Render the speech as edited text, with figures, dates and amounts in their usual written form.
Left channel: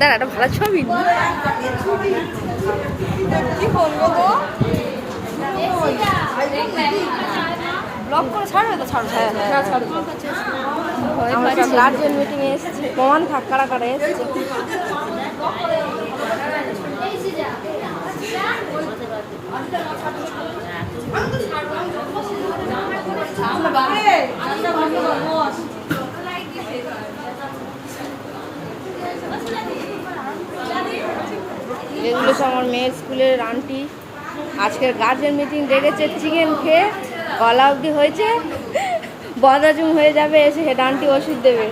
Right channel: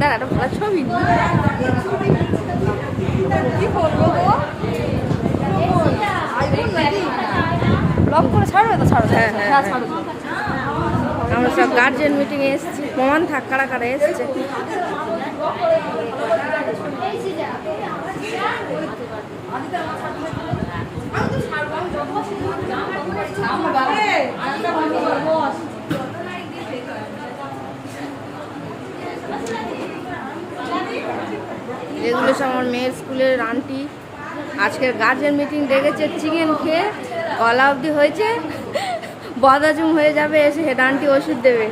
দাঁড়া, একটা ভালো ছবি কি করবো গো? লক করে ছাড়বে তো? ছাড়ো। হ্যাঁ হ্যাঁ ছাড়ো। আমরা সব গার্জেন মিটিংয়ে এসেছি। প্রমাণ থাক কারা কারা এসছে। এগুলো সব আমার মেয়ের স্কুলের আন্টি। আজকের গার্জেন মিটিং ডেকেছে, চিকেন খেয়ে গলা অবধি হয়েছে, বদাজুম হয়ে যাবে, এসে হেড আন্টি ওষুধ দেবে।